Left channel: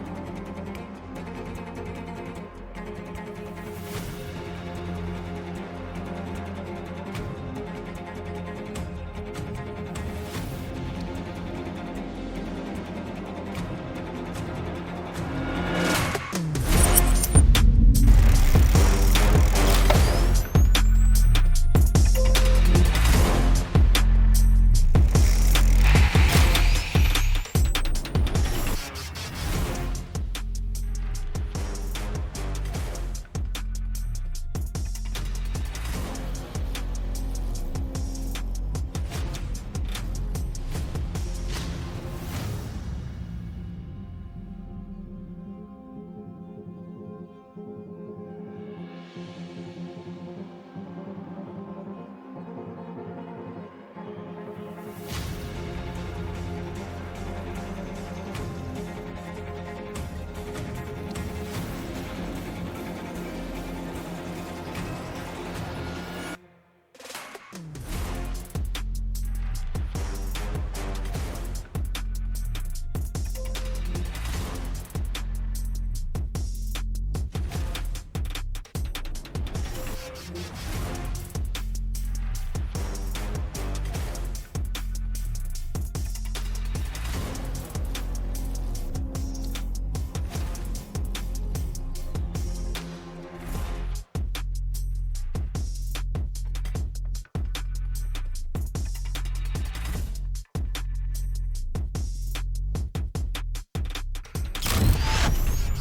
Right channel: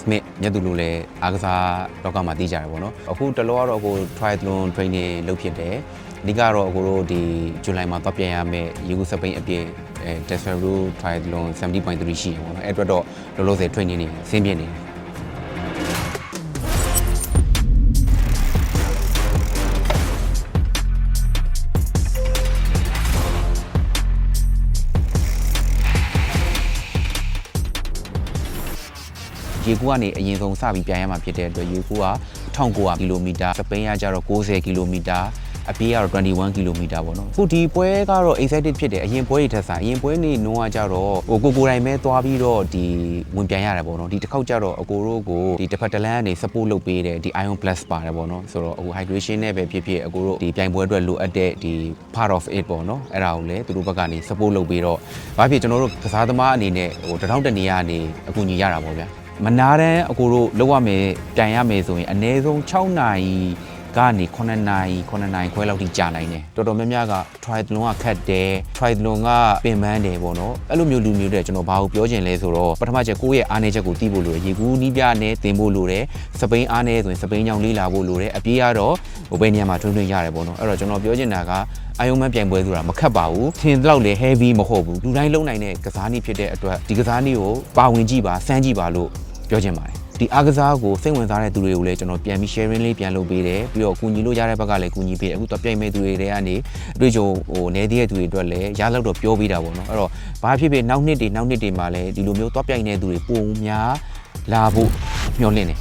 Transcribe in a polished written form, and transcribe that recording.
Smith မြတ်သူတို့လည်းအားကစားလောကမှာသိကြတယ်ပေါ့နော်အခုတလောကတော့ကို triathlon training လုပ်ဖြစ်တယ်အဓိကတော့အကိုတို့ဒီဇူလိုင်မှာပတ်ပြန်ရမယ်ရေကူးစပိန်အပြည့်Tesla triathlon 70.3ရှိတယ်ပေါ့နော်အဲ့အတွက်တော့လောလောဆယ် training နေဆင်းပြနေတယ်ရေကူးကနေအရင်ဆုံးစပြီးပြန်ရမှာဖြစ်တဲ့အတွက်ရေကူးက1900ကီလိုမီတာစပိန်ကကျတော့90ကီလိုမီတာအပြေးကတော့21ကီလိုမီတာပေါ့နော်အခုဒီပွဲကတော့ excited ဖြစ်တယ်အရင်ပွဲတွေထက်ဆိုင်အရင်ပွဲနေနှုန်းကကျတော့ကိုယ်တိုင်ပဲသွားပြီးတော့ဒီဝင်ပြန်ရတယ်ပေါ့နော်ဒီတစ်ခေါက်ကျတော့အကိုတို့ကိုဒီတစ်ဖက်တစ်လမ်းကနေ support လုပ်ပေးတယ်ဒီ Ion Plus ပါတယ်ပေါ့နော်ဆိုတော့အခု hydration နဲ့ပဲဖြစ်ဖြစ်အကိုတို့ဒီပြိုင်ပွဲအတွက်လိုအပ်တဲ့ဒီ part of it ပေါ့နော်အဲ့ဒါကိုလည်းသူတို့ဘက်ကနေ support လုပ်ပေးတော့ဘာဖြစ်ကျွန်တော်တို့ကစားသမားအနေနဲ့တထောင်တနေရကနေအကူအညီရတာပေါ့ဗျာမနာတန်းအကိုတို့လောက်ရမယ်ပြန်ရမယ်ဆိုရင်အနည်းဆုံး6နာရီကနေ9နာရီခွဲလောက်ထိကြာနိုင်တယ်တော်တော်များများက triathlon ကခတ်တယ် triathlon ကပင်ပန်းတယ်ပေါ့နော်အဲ့လိုမျိုးလူမျိုးတွေကျွန်တော်ဘာကိုပြောချင်လဲဆိုတော့ပထမချက်ကိုယ့်ရဲ့အားနည်းချက်ကိုသိဖို့လိုတယ်ရေဘူးနီးပြနဲ့သင်ဖို့လိုတယ်စပိန်အားနည်းဆိုရင်စပိန်ကြောင့်လေးလာဖို့လိုတယ်အပြေးကတော့ဘယ်နေရာမှာထွန်းရတယ်ပေါ့နော်အဲ့တော့ကျွန်တော်ပြောချင်တာကအာယုံမပြိုင်ပွဲဆိုတာမခတ်ပါဘူးထင်တော့လေ heavy မဟုတ်ဘူးလူတိုင်းလုံနိုင်တဲ့ကစားနည်းဖြစ်တဲ့အတွက်ဒီကစားနည်းကိုပါဝင်ကြည့်ပါစမ်းကြည့်ပါလို့ပြောချင်ပါတယ်ဒီအားကစားကိုစိတ်ဝင်စားတဲ့သူတွေကိုလည်းကျွန်တော်ပြန်ပြီး sharing လေးပြန်လုပ်ပေးတယ်ပြီးတော့ကူညီလို့ရတဲ့ဘက်ကလည်းကူညီပေးတယ်အခုတော့ပြိုင်မဲ့သူတွေကနေအတွေ့အကြုံနေသေးတဲ့သူတွေအတွက်လည်းရလောက်တော့ပြောပေးတာပေါ့နော်အဲ့တော့ဘာဖြစ်ဖြစ်နောက်နှစ်တွေမှာလည်းဒီလိုမျိုးတော့ပြိုင်နေသူတွေပုံများလာဖို့မျှော်လင့်တယ်